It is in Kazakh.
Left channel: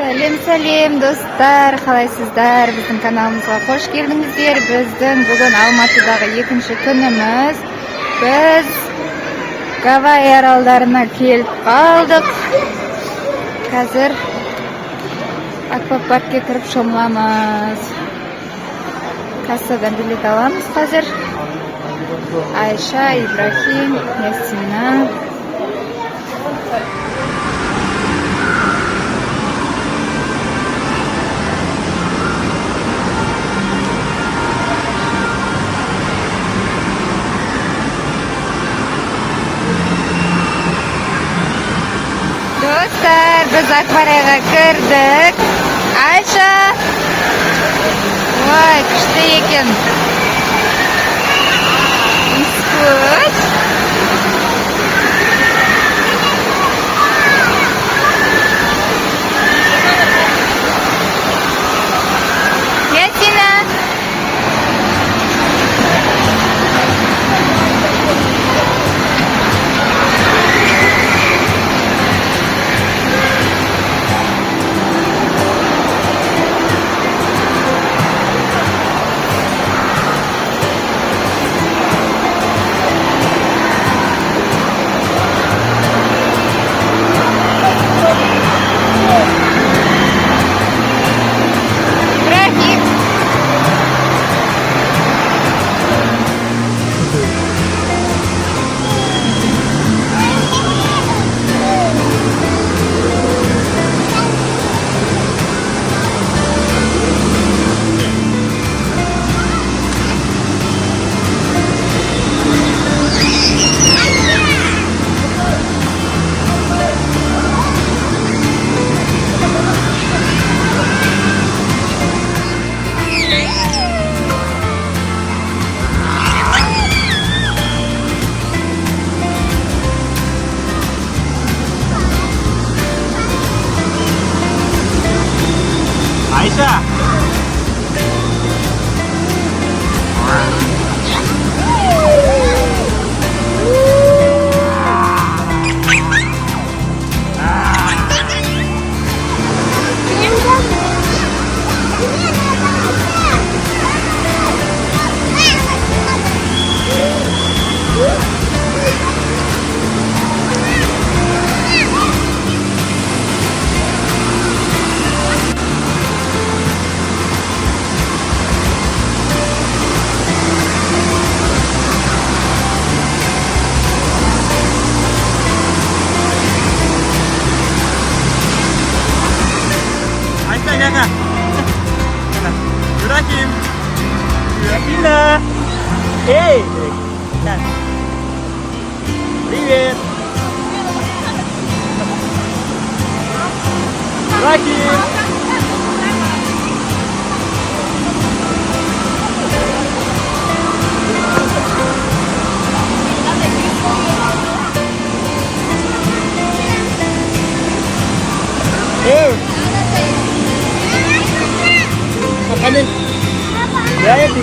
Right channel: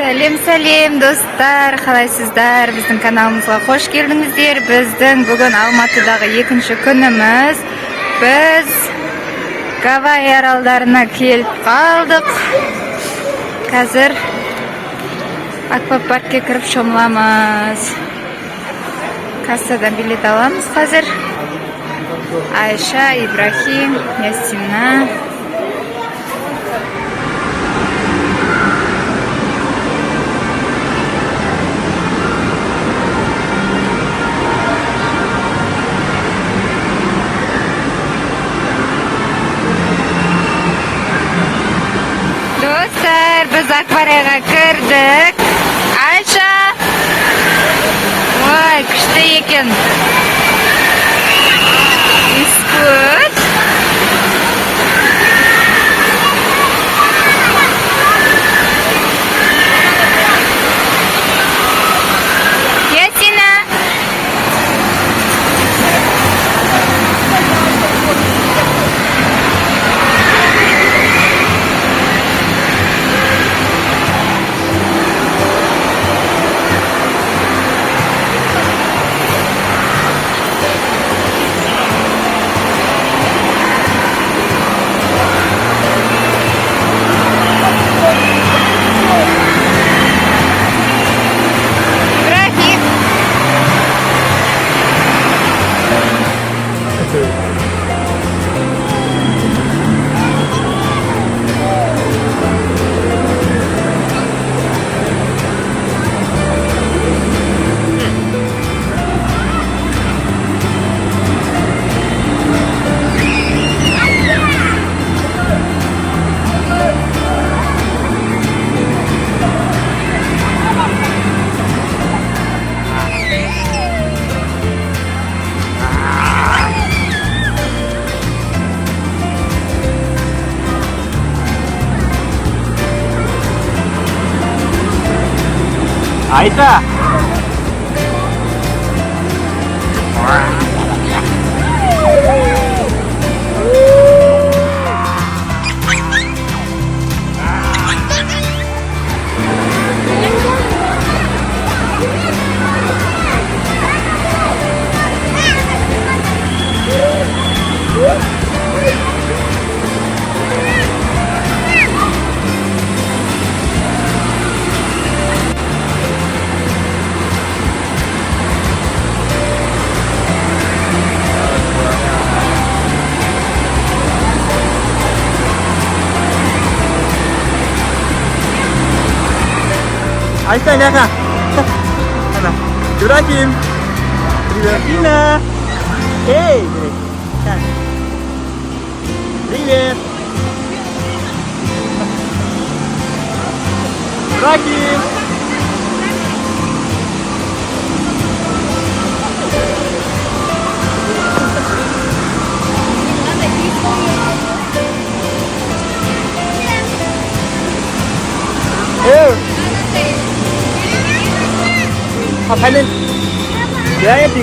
Сәлем достар, қалайсыздар? Біздің каналымызға қош келдіңіздер. Біздің бүгін Алматыдағы екінші күніміз. Біз Гавайи аралдарына келіп қалдық. Қазір аквапаркке кіріп шомыламыз. Кассадан билет аламыз қазір. Айша, Ибрахим, Ясина. Достар, біз акварияға кірдік. Айша! Ой, күшті екен. Good. Ясина. Aisyah. Aisyah lihat kan? Mana? Ibrahim. Halil. Jadi.